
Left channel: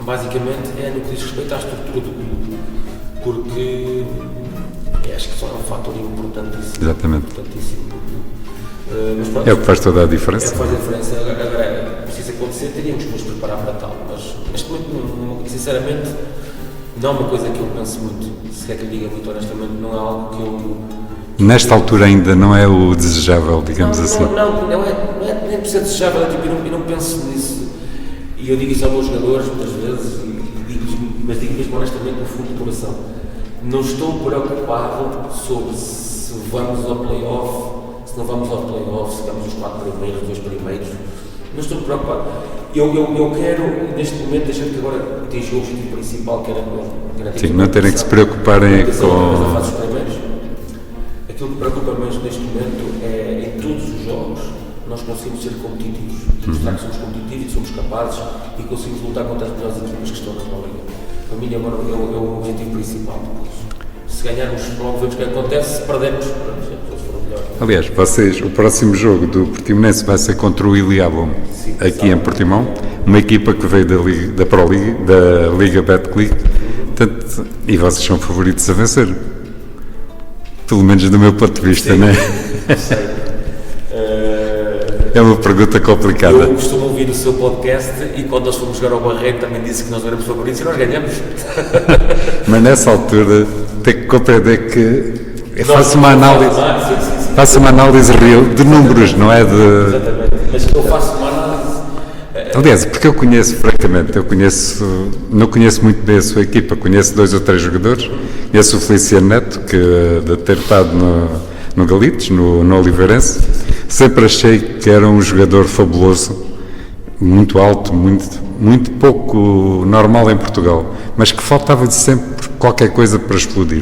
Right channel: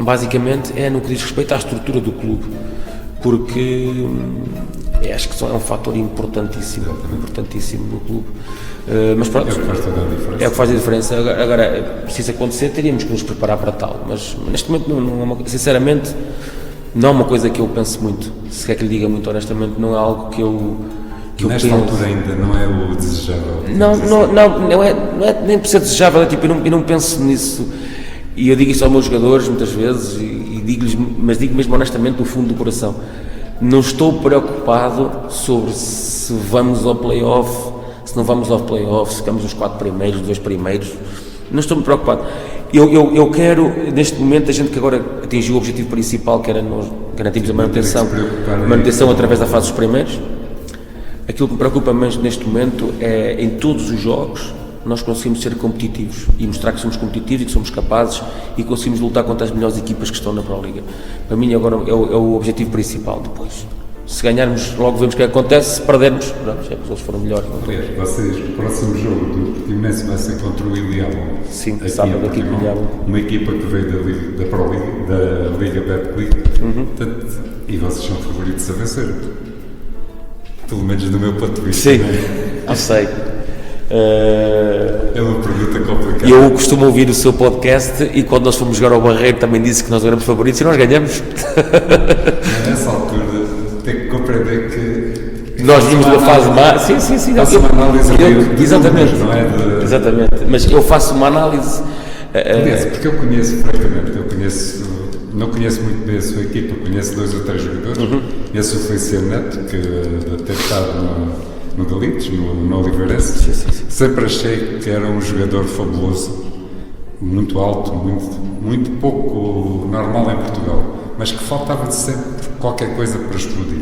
basicamente, é no que diz respeito à estrutura do clube, porque acho que só é um fator importantíssimo. Exatamente. Importantíssimo do clube. Mas pronto, é o que faz toda a diferença. É o que faz a diferença. Agora, precisa acontecer, teríamos que nos preparar para tal, mas neste momento, sinceramente, não é uma coisa que eu penso muito. Se quer que lhe diga muito honestamente, não é algo que eu... Nesta altura ainda não é o desejável, digamos assim. Não é nem por ser desejável, eu não penso nisso. E eu digo isso aos meus jogadores muitas vezes, e digo-lhes, mas digo mesmo honestamente, do fundo do coração. Não estou preocupado sobre se vamos ao play-off, se não vamos ao play-off, se ficamos os 4 primeiros, os 2 primeiros. Não estou muito preocupado. Eu quero, neste momento, a gente que agora atingiu o objetivo principal, que era nós garantirmos a manutenção através da fase dos primeiros. Aquilo que me preocupa mais neste momento é, em todos os jogos, nós conseguimos ser competitivos e mostrar que somos competitivos e que somos capazes e conseguimos lutar contra as melhores equipas que estão na Pro Liga. Para mim agora é o objetivo principal depois. Se ganharmos, logo vemos o que acontece, se perdermos, eles foram melhores. Aliás, o próximo jogo do Portimonense vai ser contra o Iliabon, aqui em Portimão, uma equipa que veio da Pro Liga, da Liga Betclic, e vocês são favoritos a vencer. Pelo menos do meu ponto de vista, sim, não é? Eu sei. É uma pergunta complicada. Eu costumo ouvir o seu podcast e quando nós fomos jogar ao Barreiro também disse que nós éramos favoritos e nós ganhamos. Mas nessa altura tem que compreender que faço uma análise real de números, não é de... Exatamente, mas eu faço uma análise... Aliás, porque eu conheço, francamente, não conheço muito bem a sua equipa, conheço 2 ou 3 jogadores, conheço o Feliciano Neto, que de ter estado no Galitos, no Oliveirense, sempre achei que era um jogador fabuloso, muito alto, muito pouco normal em Portugal, mas que faltava-lhe sempre qualquer coisa para explodir.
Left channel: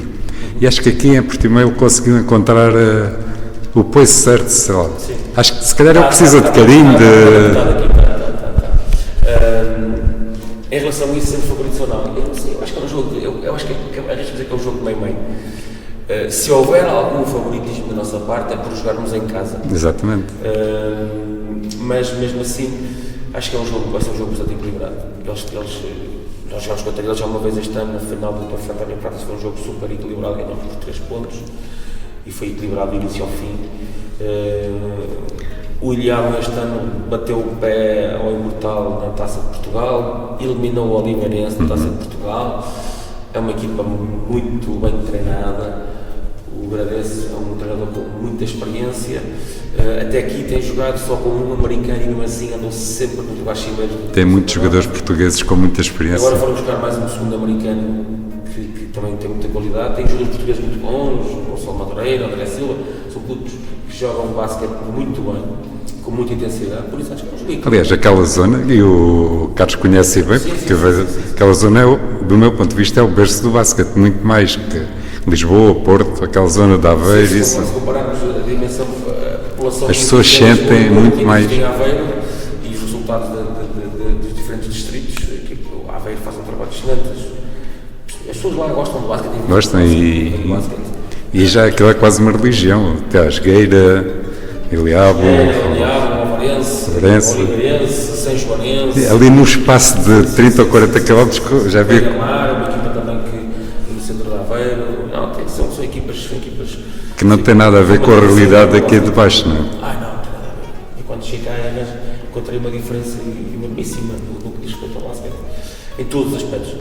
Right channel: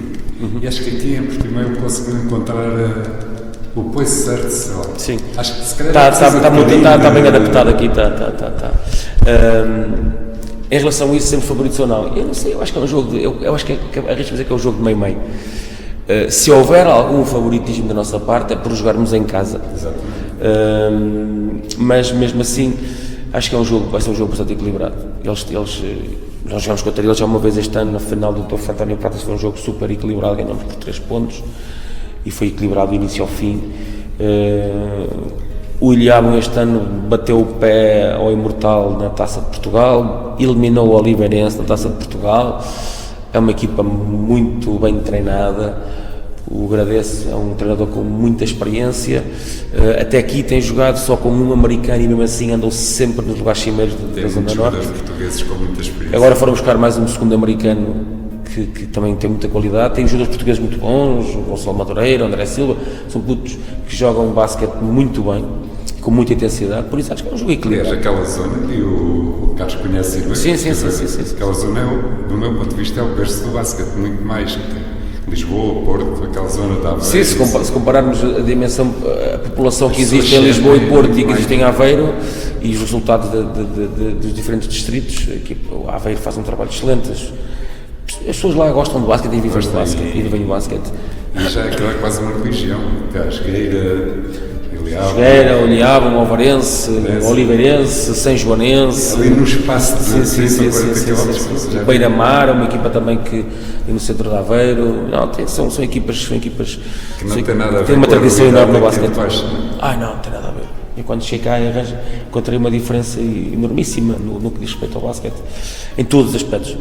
E acho que aqui em Portimão ele conseguiu encontrar o poço certo, sei lá. Sim. Acho que se calhar precisa de bocadinho em relação a isso, sempre favorito ou não, eu não sei, eu acho que é um jogo, eu acho que arrisco dizer que é um jogo de meio-meio. Se houver algum favoritismo da nossa parte é por jogarmos em casa. Exatamente. Mas mesmo assim acho que vai ser um jogo bastante equilibrado. Nós jogámos contra eles já uma vez este ano na final do Torre António Pratas, foi um jogo super equilibrado, ganhamos por 3 pontos e foi equilibrado do início ao fim. O Ilhavo este ano bateu o pé ao Imortal na Taça de Portugal, eliminou o Oliveirense na Taça de Portugal. É uma equipa muito bem treinada. O Gradeço é um treinador com muita experiência. Até aqui tem jogado só com um americano e mesmo assim andou sempre nos lugares cimeiros. Tem muitos jogadores portugueses com muita experiência. Agora foram buscar mais um segundo americano que também tem muita qualidade. Tem jogadores portugueses muito bons, o Gonçalo Madureira, o André Silva, são putos que jogam basquete muito bem, com muita intensidade, por isso acho que é um jogo equilibrado. Aliás, aquela zona, e o Carlos conhece bem, sim. Aquela zona, do meu ponto de vista, é o berço do basquete, muito mais que Lisboa, Porto, aquela zona de Aveiro. Se compararmos a dimensão, a população que existe em Lisboa, Porto e que existe em Aveiro, e os resultados dos diferentes distritos, o Aveiro faz um trabalho excelente. As pessoas lá gostam do basquete, do basquete. E já aquilo é quase uma religião, até a Jogueira, Iliabo, Alvarense, Oliveirense, São Joanense. Ali num espaço de 30 ou 40 km, já vi. Beira-Mar, uma equipa também que no centro de Aveiro. Não, são equipas que não tem nada a ver com a realidade aqui de baixo, não é? Não tem nada a ver. Eu quando cheguei cá encontrei uma diferença enormíssima no que diz respeito ao basquete, em todos os aspectos.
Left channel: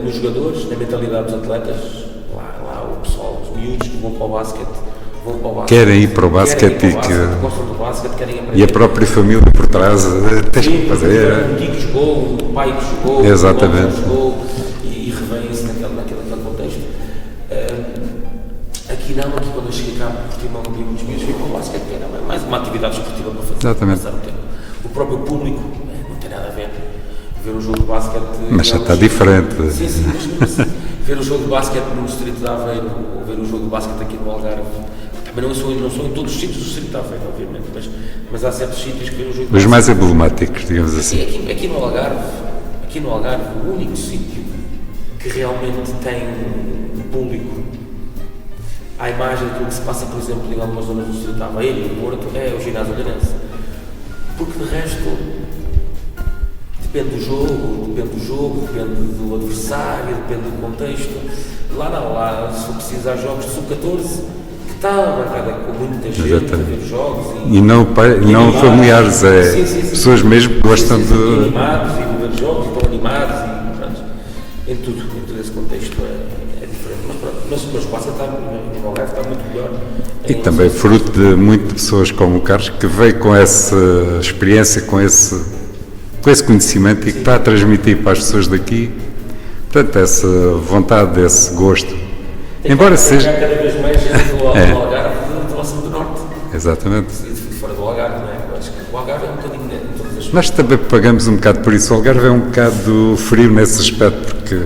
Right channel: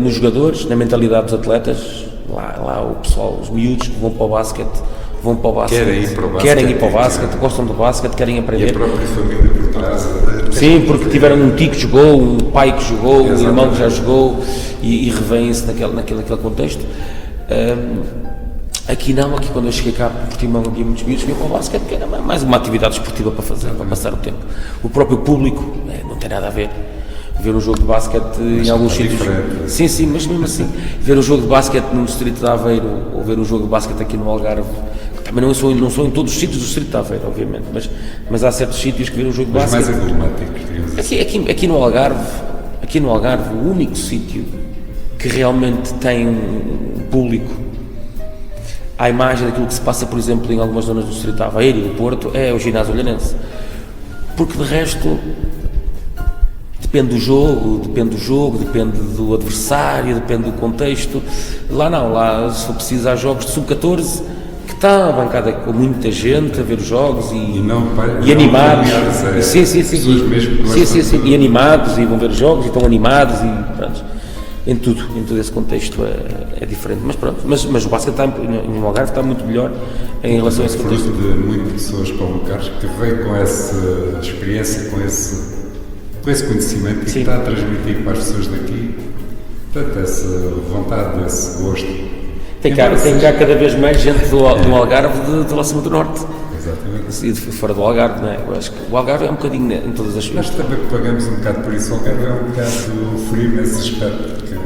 Nos jogadores, na mentalidade dos atletas, lá o pessoal, os miúdos que vão para o basquete, querem ir para o basquete, gostam do basquete, querem aprender. E a própria família por trás. Sim, porque tiveram um tio que jogou, um pai que jogou, um irmão que já jogou e revêem-se naquele contexto. Aqui quando eu cheguei cá, Portimão, havia muitos miúdos que iam para o basquete, que era mais uma atividade esportiva para fazer, para passar o tempo. O próprio público não tem nada a ver. ver um jogo de basquete Mas já está diferente. Sim, mas mesmo assim, ver um jogo de basquete no distrito de Aveiro ou ver um jogo de basquete aqui no Algarve, também não sou em todos os sítios do distrito de Aveiro, obviamente, mas há certos sítios que ver um jogo de basquete... Os mais emblemáticos, digamos assim. Aqui no Algarve, o único sítio que realmente tem um público à imagem daquilo que se passa, por exemplo, em algumas zonas do distrito de Aveiro e do Porto, é o ginásio olhanense. Porque de resto, depende do jogo, depende do adversário, depende do contexto. Lá se for preciso, há jogos de sub-14 que está a bancada com muita gente a ver os jogos e não familiares, pessoas mesmo que gostam de... E animados, e vão ver os jogos, e estão animados, e pronto, em todo esse contexto é diferente, mas pronto, mas o basquete no Algarve está muito melhor. E também fruto de muitas pessoas como o Carlos, que veio com essa experiência, com esse conhecimento e que está a transmitir para as pessoas daqui, portanto, essa vontade, esse gosto. Tem cada vez mais gente do Algarve de lá cima do Norte. Exatamente. E de fora do Algarve, não é? Eu acho que o Algarve é um bocadinho em todas as... Nós também pagamos um bocado por isso. O Algarve é um bocado frio nesse aspecto, porque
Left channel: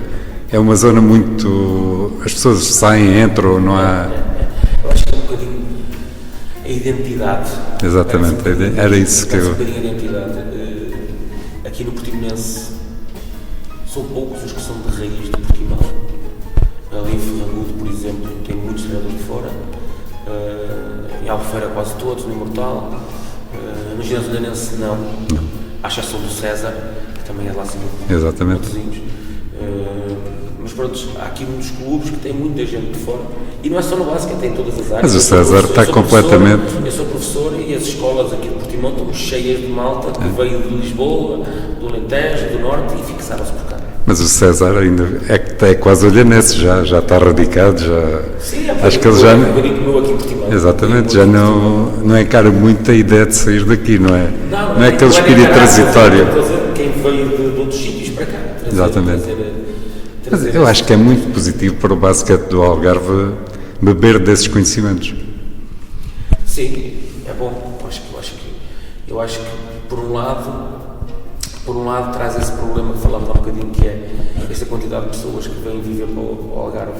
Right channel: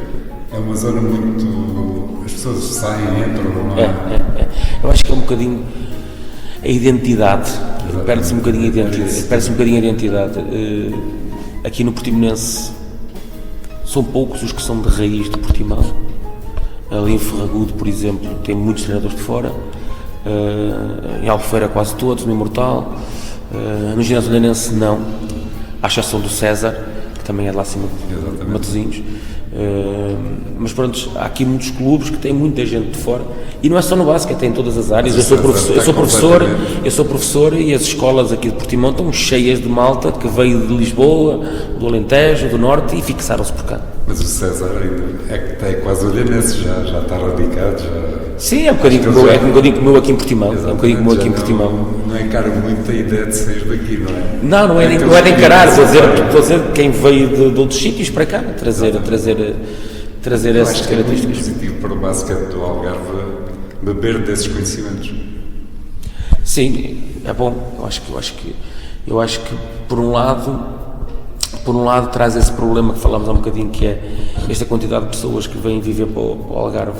é uma zona muito... As pessoas saem, entram, não há... Eu acho que é um bocadinho a identidade. Exatamente, era isso que perde-se um bocadinho a identidade. Aqui no Portimonense são poucos os que são de raiz de Portimão. Ali em Ferragudo, por exemplo, tem muitos treinadores de fora. Em Albufeira quase todos, no Imortal. No ginásio olhanense não. À exceção do César, que também é de lá acima de Matosinhos. Mas pronto, há aqui muitos clubes que têm muita gente de fora. E não é só no basquete, tem em todas as áreas. Mas o César está completamente... Eu sou professor e as escolas aqui de Portimão estão cheias de malta que veio de Lisboa, do Alentejo, do Norte e fixaram-se por cá. Mas o César ainda é quase olhanense, já está radicado, já... Sim, é um bocadinho como eu aqui em Portimão. Exatamente, já não encara muito a ideia de sair daqui, não é? Não é aquele espírito transitório. Estou a dizer quem veio de outros sítios para cá, trazer eu acho que é muito positivo para o basquete do Algarve beber desses conhecimentos. Sim, é bom. Eu acho que por um lado traz esse problema que falámos há um bocadinho, que é esta quantidade de pessoas que vêm viver para o Algarve,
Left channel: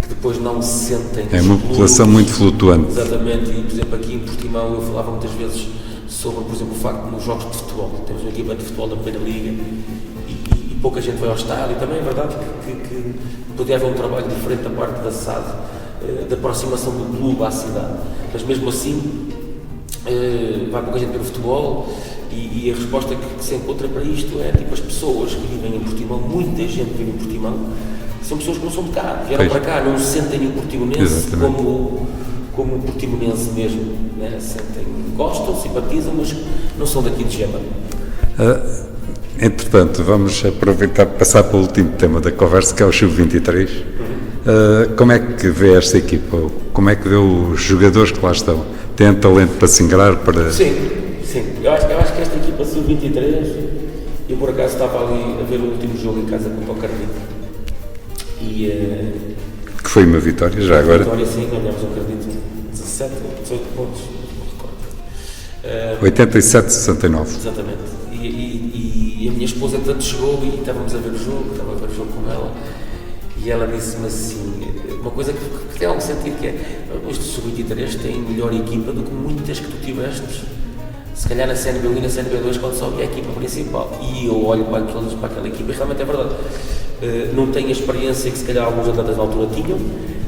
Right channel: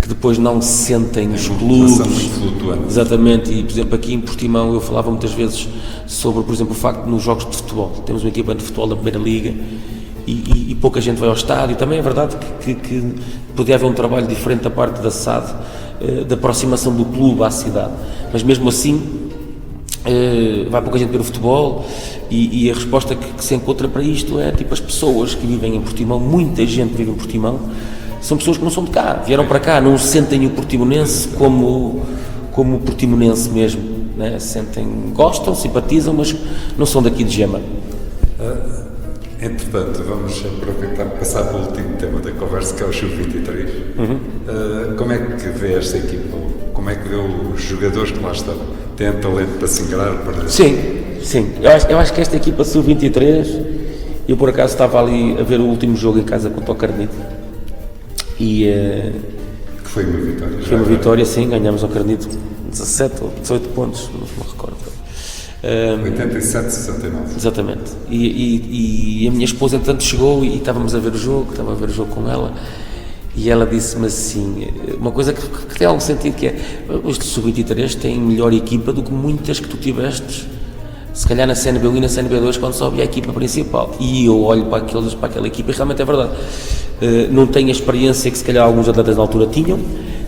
que depois não se sentem nos clubes. É uma população muito flutuante. Exatamente, e por exemplo aqui em Portimão eu falava muitas vezes sobre, por exemplo, o facto de nos jogos de futebol, temos uma equipa de futebol da primeira liga e pouca gente vai ao estádio. Também é verdade que podia haver um trabalho diferente da parte da SAD, da aproximação do clube à cidade, mas mesmo assim vai pouca gente ver o futebol e a resposta que se encontra para isto é tipo as pessoas que vivem em Portimão, muita gente vive em Portimão, são pessoas que não são de cá, vieram para cá, não sentem o portimonense como o portimonense mesmo, né? Gostam, simpatizam, mas não são daqui de Gema. Entretanto, vamos aproveitar para passar para o último tema da conversa, que é o Sub-23. Como é que vê esta equipa? Como é que vê os jogadores que lá estão? Têm talento para se ingrar? Sim. Eu acho que esta equipa Sub-23, eu por acaso estava ali a ver o último jogo em casa contra o Carnide. Que foi uma vitória já agora? Uma vitória, sim, ganhamos ao Carnide 17 ou 18 pontos, não me recordo. 87-69. Exatamente. E a minha esposa, entretanto, chegou e estava a ver o jogo com ela, e ela disse-me assim, uma coisa que tem algum sentido, que é, os Sub-23 têm melhor equipa do que muitas que tu tiveste, se calhar na CNB1 e na CNB2, quando sobe a equipa principal. E eu olho para aquela equipa e realmente é verdade. Não tem a experiência que se calhar alguns atletas na altura tinham,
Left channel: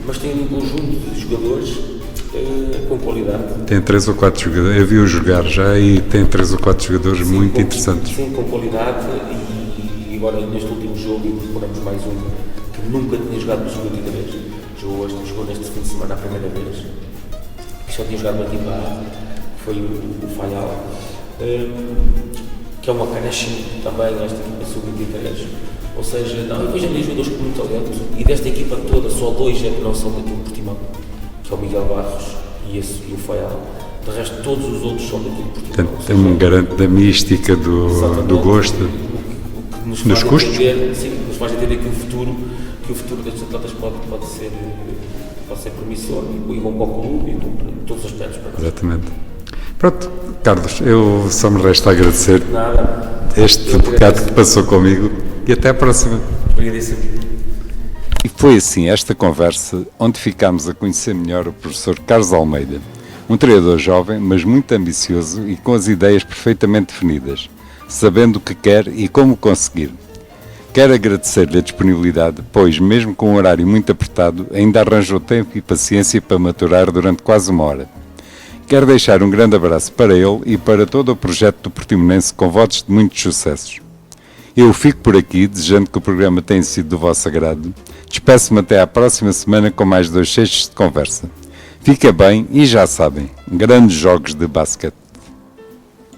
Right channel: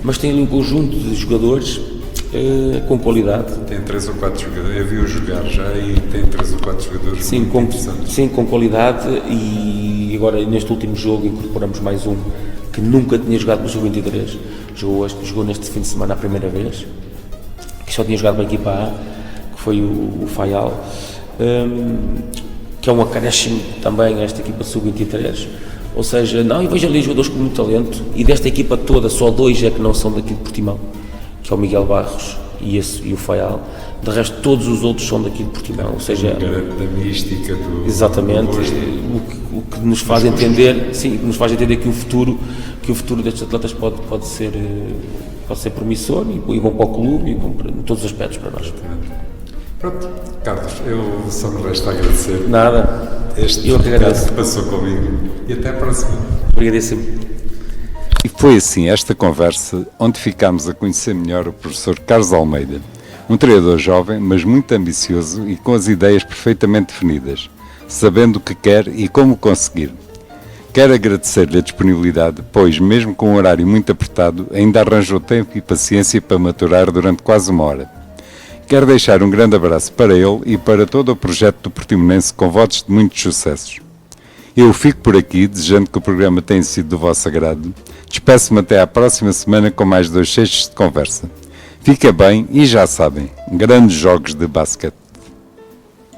mas tem um conjunto de jogadores com qualidade. Tem 3 ou 4 jogadores, eu vi-o jogar já e tem 3 ou 4 jogadores muito interessantes. Sim, com qualidade, e agora neste último jogo incorporamos mais um que nunca tinha jogado no Sub-23, jogou neste fim de semana a primeira vez, que só tinha jogado na equipa A, que foi o Faial, que é um acréscimo também a esta equipa Sub-23. Ou seja, eu vejo ali jogadores com muito talento, e desta equipa toda só 2 é que não são daqui de Portimão, que é o Miguel Barros e o Faial. De resto, todos os outros são daqui de Portimão. Ou seja, um garante da mística, do gosto. O que nos faz entender, nos faz entender que o futuro destes atletas pode ser promissor e bom para o clube e em todos os aspectos para nós. Exatamente. Pronto, Carlos, eu só me resta agradecer Nada. este Eu que bocado agradeço. que passou comigo e até à próxima. Obrigadíssimo. E foi assim esta conversa onde ficámos a conhecer melhor o professor Carlos Almeida, um treinador jovem, mas muito ambicioso e com as ideias perfeitamente definidas, sabendo o que quer e como conseguir. Quero agradecer-lhe a disponibilidade, pois, mesmo com um horário muito apertado, ainda arranjou tempo e paciência para maturar durante quase uma hora. Quero deixar um grande abraço para ele e para todo o projeto do Portimonense com votos de muitos sucessos. Eu fico por aqui, desejando que o programa tenha sido do vosso agrado. Despeço-me até à próxima semana com mais 2 cestos de conversa. Fica bem e já sabem, grandes jogos de basquete.